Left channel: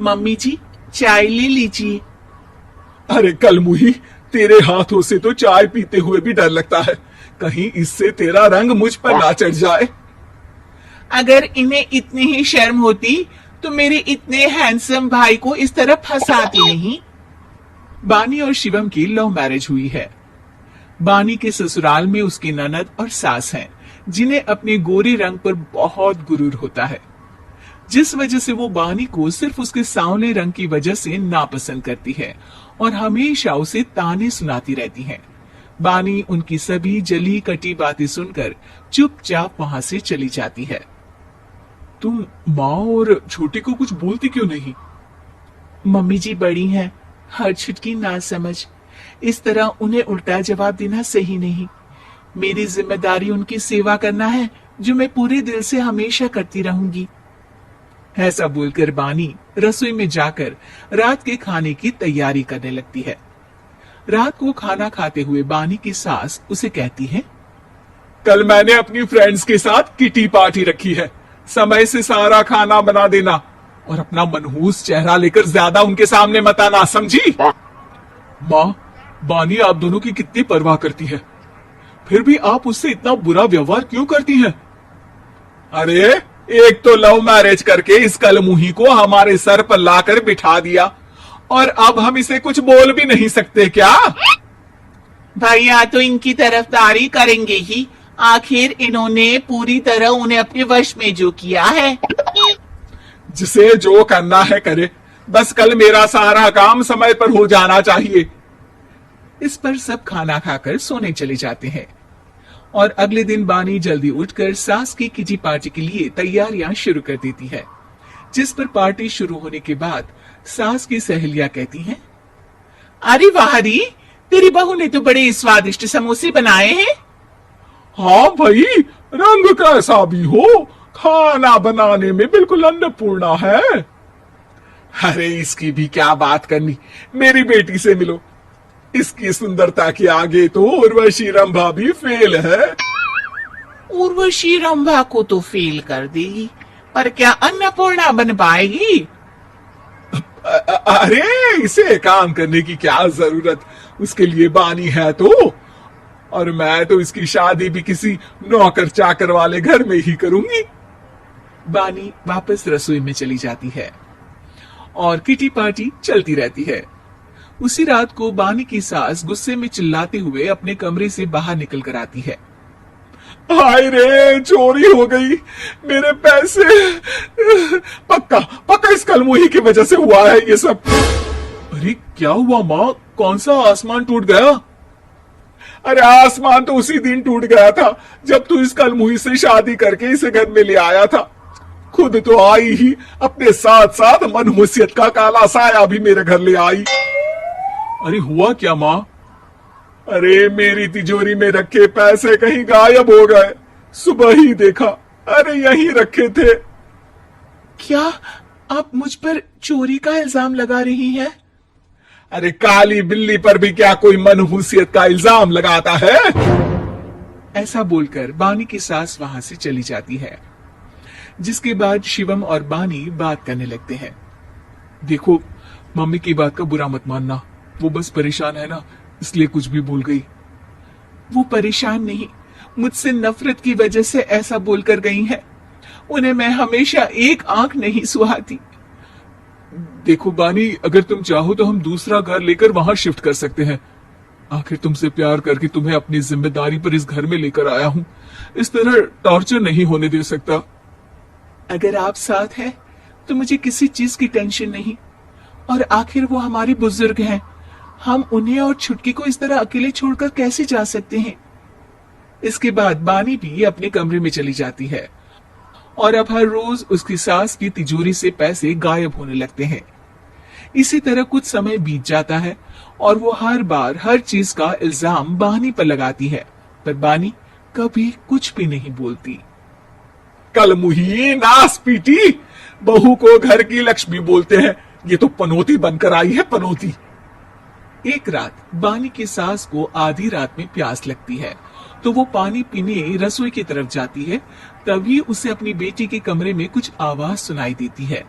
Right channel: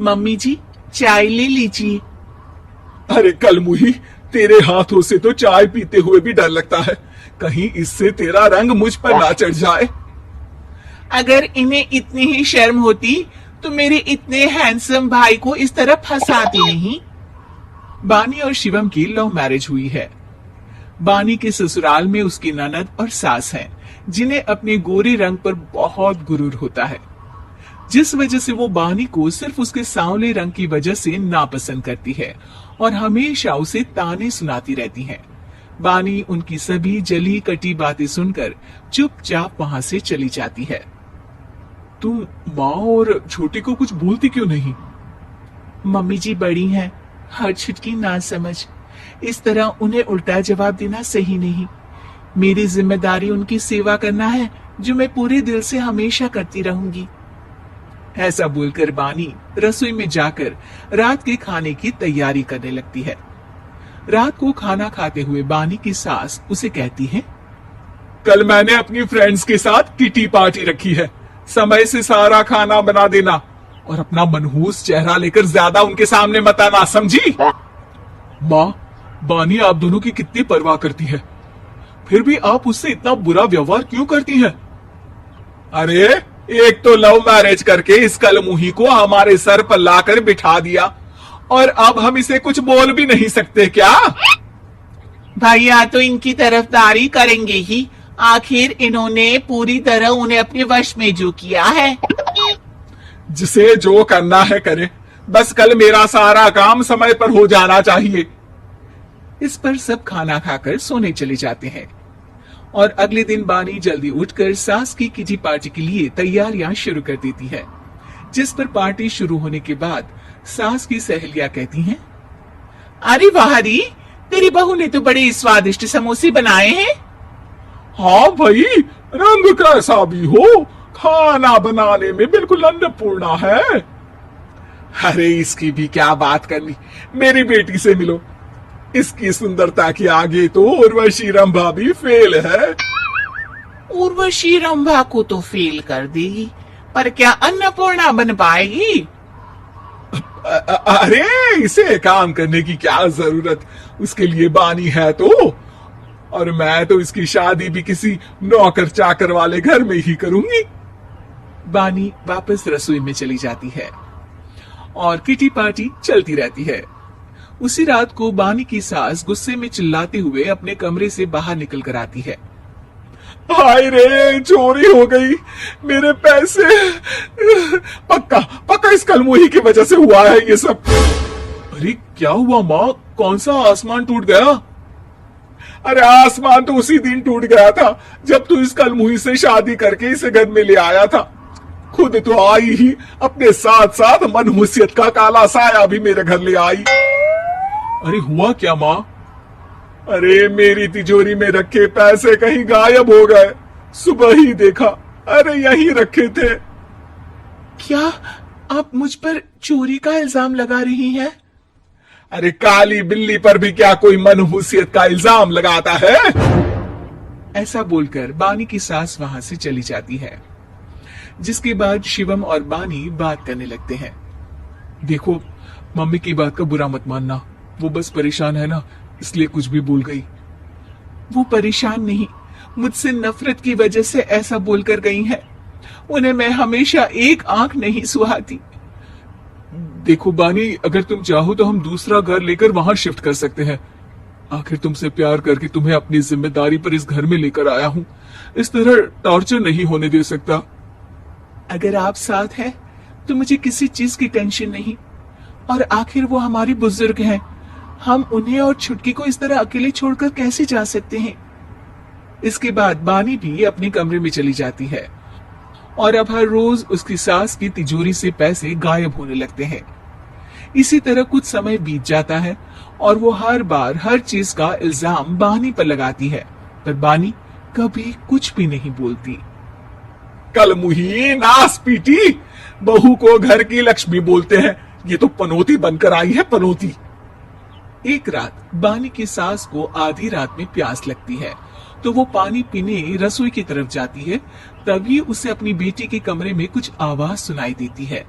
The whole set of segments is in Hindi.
मम्मी जी, चाय ले लीजिए। अरे कलमुही, तेरे हाथों से तो चाय पीते हुए भी डर लगता है, कहीं इससे तेरा रंग मुझ पर ना चढ़ जाए। अगर इन्हें इतनी ही शर्म होती तो मेरे इतने हैंडसम भाई को इस तरह फंसाती नहीं। बानी और शिवम की लव मैरिज हुई है। बानी के ससुराल में उसकी ननद और सास हैं, जिन्हें अपने गोरे रंग पर बहुत गुरूर होता है, जिस वजह से वो बानी को सिर्फ उसके सांवले रंग की वजह से नापसंद करती है और हमेशा उसे ताने सुनाती रहती है। बानी उनकी सभी जली कटी बातें सुनकर चुपचाप वहां से चली जाती है। तुम माँ और छोटी को कुछ बोलती क्यों नहीं? मम्मी जी बड़ी हैं, हर छुटकी ना समझ, इस तरह उन्हें उल्टा जवाब देना सही नहीं। मेरी जिम्मेदारी उनकी सेवा करना है, जो मैं पूरे दिल से हमेशा करती रहूंगी। ऐसा बोलकर बानी रसोई में जाकर रात के खाने की तैयारी करने लगती है। रात को खाना खाते हुए बानी की सास उसे कहती है, कल मैंने अपनी फ्रेंड्स के साथ किटी पार्टी रखी है, समय से सारा खाना बना देना और अपना मनहूस चेहरा लेकर ज्यादा उनके सामने मत आना, समझी? माँ, बानी आप दोनों की कितनी परवाह करती है, फिर भी आप उससे इतना बुरा व्यवहार क्यों करती हैं? अरे एक तो लव मैरिज करके इस कलमुही को हमारे सर पर लाकर बिठा दिया और अब हम इसे कुछ बोल भी नहीं सकते क्या? भैया तो इनकी तरफदारी करेंगे ही, आखिर इन्होंने पूरी तरह उन्हें अपने वश में जो किया है। जिसे जो करना है करे, बस कल मेरा सारा काम समय पर हो जाना चाहिए। इस पर सब खाना खाकर सोने चले जाते हैं और अगले दिन बानी जल्दी उठकर सास की किटी पार्टी के लिए तैयारियां शुरू कर देती है, जिस पर पार्टी शुरू होने के बाद सास की सहेलियां कहती हैं, अरे वाह री, तेरी बहू ने तो बड़े स्वादिष्ट समोसे बनाए हैं। हाँ भाई, रंग कैसा भी हो, खाना बनाने में बिल्कुल अन्नपूर्णा है। अरे इसकी भी क्या बात करनी, मेरी बेटी से मिलो, इसकी सुंदरता के आगे तो उर्वशी रंभा भी फेल है। उर्वशी रंभा को तो फेल कर देगी, पर क्या अन्नपूर्णा बन पाएगी? अरे इसे काम करने की क्या जरूरत, उसके लिए बानी है तो, और मैं तो इसकी शादी भी किसी नौकर चाकर वाले घर में ही करूंगी। बानी वापस रसोई में चली जाती है और किटी पार्टी चलती रहती है। उसी रात को बानी की सास गुस्से में चिल्लाते हुए अपने कमरे से बाहर निकल कर आती है। हाय रे, चोरी हो गई, मेरे पैसे, पक्का पक्का इस कलमुही की वजह से हुआ है ये सब। अरे क्या हुआ माँ, कौन सा आसमान टूट गया? अरे आसमान तो उसी दिन टूट गया था जब तू इस कलमुही से शादी करके इसे घर में ले आया था। खुद तो आई ही, अपने साथ साथ मनहूसियत का काला साया भी मेरे घर ले आई। अरे हुआ क्या माँ? अरे मेरी तिजोरी में रखे पैसे कहीं गायब हो गए, सुबह ही देखा, अरे यहीं रखे थे। क्या आप मुझ पर चोरी का इल्जाम लगा रही हैं? अरे काली बिल्ली पर भी क्या कोई मनहूसियत का इल्जाम लगाता है? ऐसा बोलकर बानी की सास वहां से चली जाती है, जिसके बाद शिवम और बानी बात करने लगते हैं। देखो, मम्मी की बात का बुरा मत मानना, वो बस परेशान है ना, इसलिए कुछ भी भूल गई। वो परेशान नहीं, मुझसे नफरत की वजह से ऐसा बोलकर गई है। उन्हें मैं हमेशा एक आंख नहीं सुहाती। देखो बानी, अगर तुम चाहो तो हम दूसरा घर लेकर वहां शिफ्ट कर सकते हैं। आखिर तुमसे प्यार करके तुम्हें अपनी जिम्मेदारी पर इस घर में लेकर आया हूँ, इस तरह टॉर्चर नहीं होने दे सकता। अगर आप साथ हैं तो मुझे किसी चीज की टेंशन नहीं, और आखिर वो हमारी बुजुर्ग हैं, हम उन्हें और छुटकी को इस तरह अकेले छोड़कर कैसे जा सकते हैं? इसके बाद बानी भी अपने कमरे में चली जाती है और अब हर रोज उसकी सास की तिजोरी से पैसे गायब होने लगते हैं। इसी तरह कुछ समय बीत जाता है और वो हर बार हर चीज का इल्जाम बानी पर लगाती है, पर बानी कभी कुछ भी नहीं बोलती। कलमुही नास पीटी, बहू को घर की लक्ष्मी बोलते हैं, ये तो पनौती बनकर आई है, पनौती। एक रात बानी की सास को आधी रात में प्यास लगती है, तो वो पानी पीने रसोई की तरफ जाती है। तभी उसे अपनी बेटी के कमरे में कुछ आवाज सुनाई देती है।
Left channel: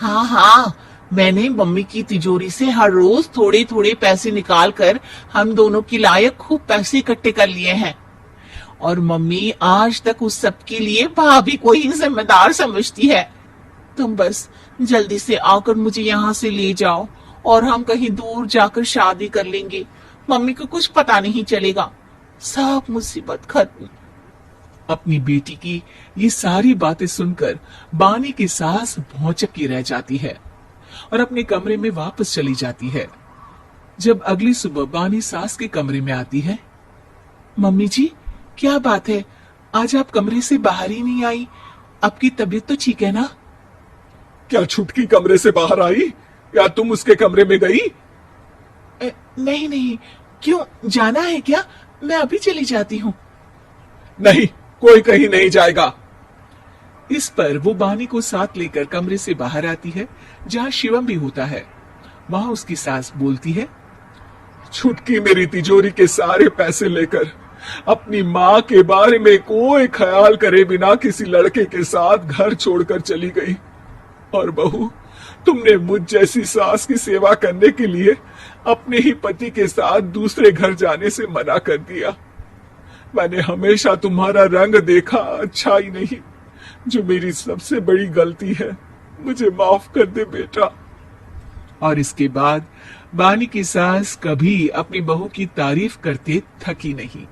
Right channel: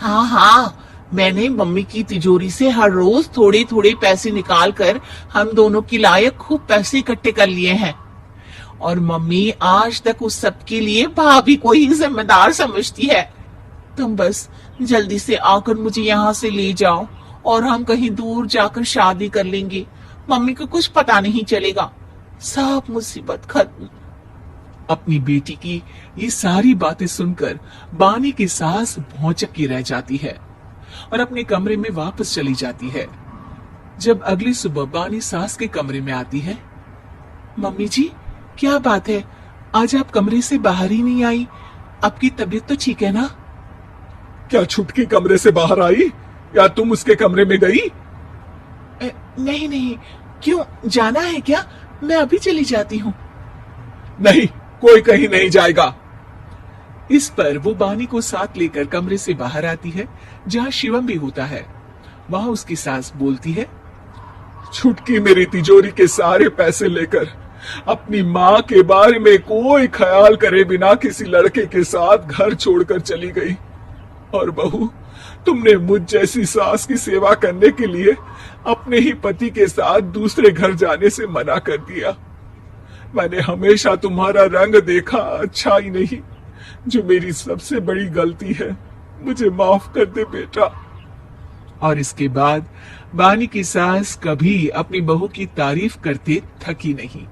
हाँ हाँ, मैंने मम्मी की तिजोरी से हर रोज थोड़े थोड़े पैसे निकाल कर हम दोनों के लायक खूब पैसे इकट्ठे कर लिए हैं। और मम्मी आज तक उस सब के लिए भाभी को ही जिम्मेदार समझती है। तुम बस जल्दी से आकर मुझे यहाँ से ले जाओ और हम कहीं दूर जाकर शादी कर लेंगे। मम्मी को कुछ पता नहीं चलेगा। सब मुसीबत खत्म। अपनी बेटी की ये सारी बातें सुनकर बानी की सास भौचक्की रह जाती है और अपने कमरे में वापस चली जाती है। जब अगली सुबह बानी सास के कमरे में आती है, मम्मी जी क्या बात है, आज आप कमरे से बाहर ही नहीं आई? आपकी तबीयत तो ठीक है ना? क्या छुटकी कमरे से बाहर आई या तुम उसके कमरे में गई? नहीं नहीं, क्यों जाना है क्या? मैं अभी चली जाती हूँ। नहीं, कोई कहीं नहीं जाएगा। इस पर वो बानी को साथ लेकर कमरे से बाहर आती है जहाँ शिवम भी होता है। वहां उसकी सास बोलती है, छुटकी मेरी तिजोरी के सारे पैसे लेकर अपनी माँ के बारे में कोई ख्याल करे बिना किसी लड़के के साथ घर छोड़कर चली गई। और बहू, तुमने मुझ जैसी सास की सेवा करने के लिए अपने ही पति के साथ दूसरे घर जाने से मना कर दिया। मैंने हमेशा तुम्हारा रंग देखा अच्छा ही नहीं, जो मेरी सबसे बड़ी गलती है। मुझे माफ कर दे बेटा। और इसके बाद बानी की सास कभी अपनी बहू की तारीफ करते थकी नहीं।